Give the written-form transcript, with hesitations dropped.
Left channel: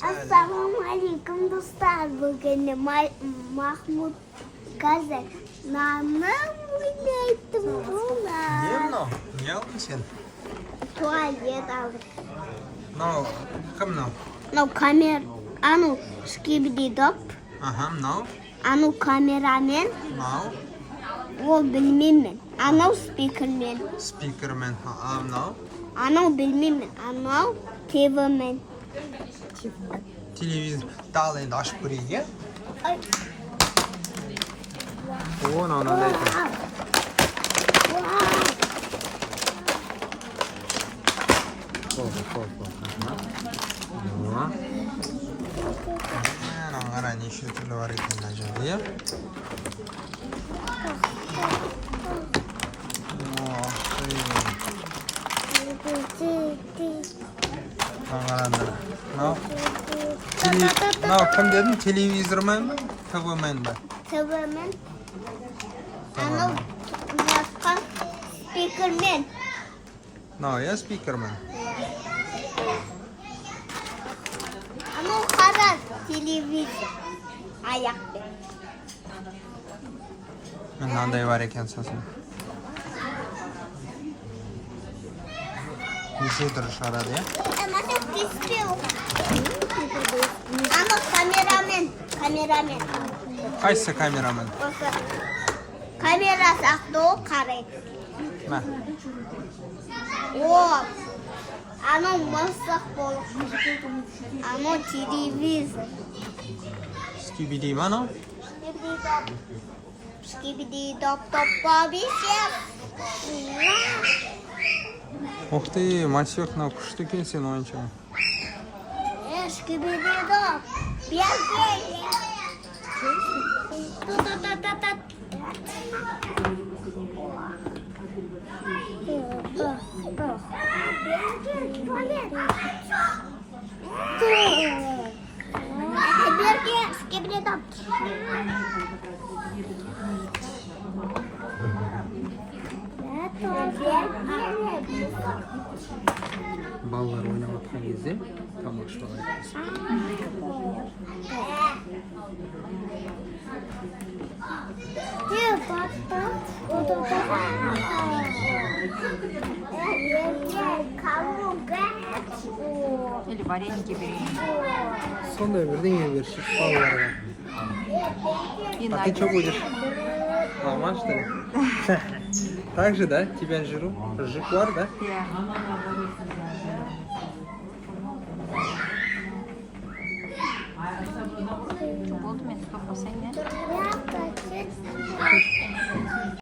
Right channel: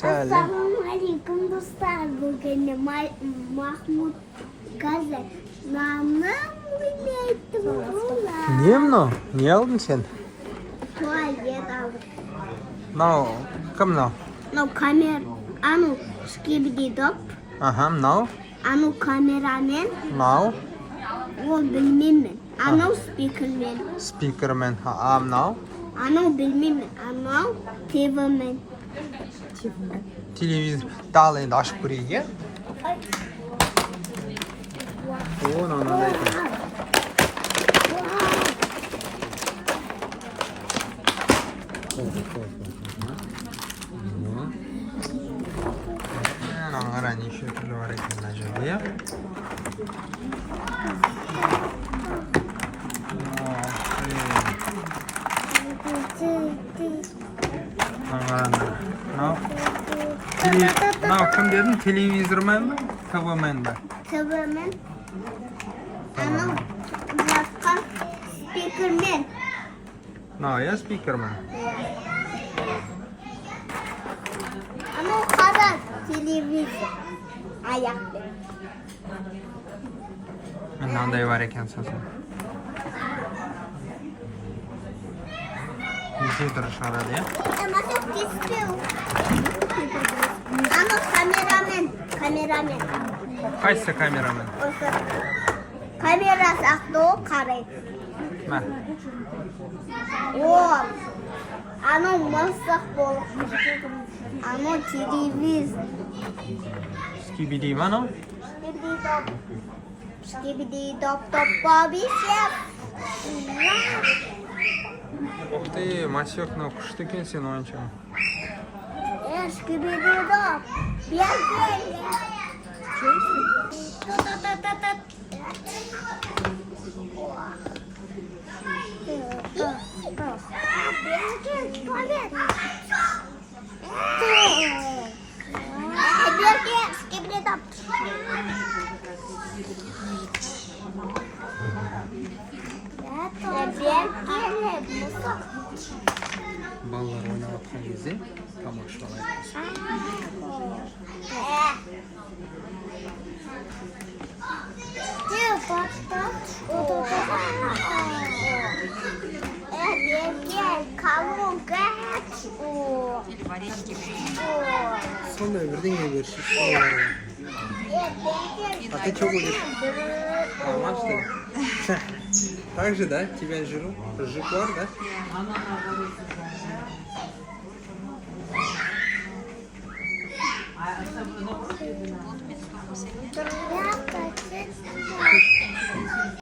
Assalamualaikum dostlar. Bugün Mahmut Gazi. Nanam bileydim bunlar. Ne mынау? Ne aldın sen? Tuvalet aldım. Мынау кім мынау? Мынау камера. Ану скибидидоп. Аха, мынау? Ану камерамен. Мынау? Ол білмеймін. Анау спикермен. Спикермен. А мынау? Анау білмеймін. Анау ТВмен. Телевизор. Дал енді ашып көрейік, иә? О, мынандай екен. Мына қара неше түрлі бар екен мына жерде, иә? Қараңдар. Мынау кім дедің? Телевизормен бе? ТВмен бе? ТВмен. Анау жаққа спикермен. Мынау, иә, спикермен. Анау қара телевизор. Аяқпен. Мынандай бар екен сосын. Неше түрі шығарады, иә? Анау кеспеу. Анау камерамен. Қайсы камерамен? Осы камерасы ақты о қарайды. Мә. О, анау масақ болып. Анау телевизор. Скибиди ма анау? Скибиди-доп-доп-бобби шеф. Ух ты, Масек, мынау күшті екен сен ойыншығы. Скибиди-доп. Бергеле. Туалет. Берге, скибиди-доп. Балалар ойнап жатқан кезде тамақ ішіп алайық. Или вареники берем. Сондай бірдеңе берші балаларға. А ты что будешь? Мама, что ли? Так же, да? Тебя жру? Жуклар, да? Болды мен стопқа сәйген.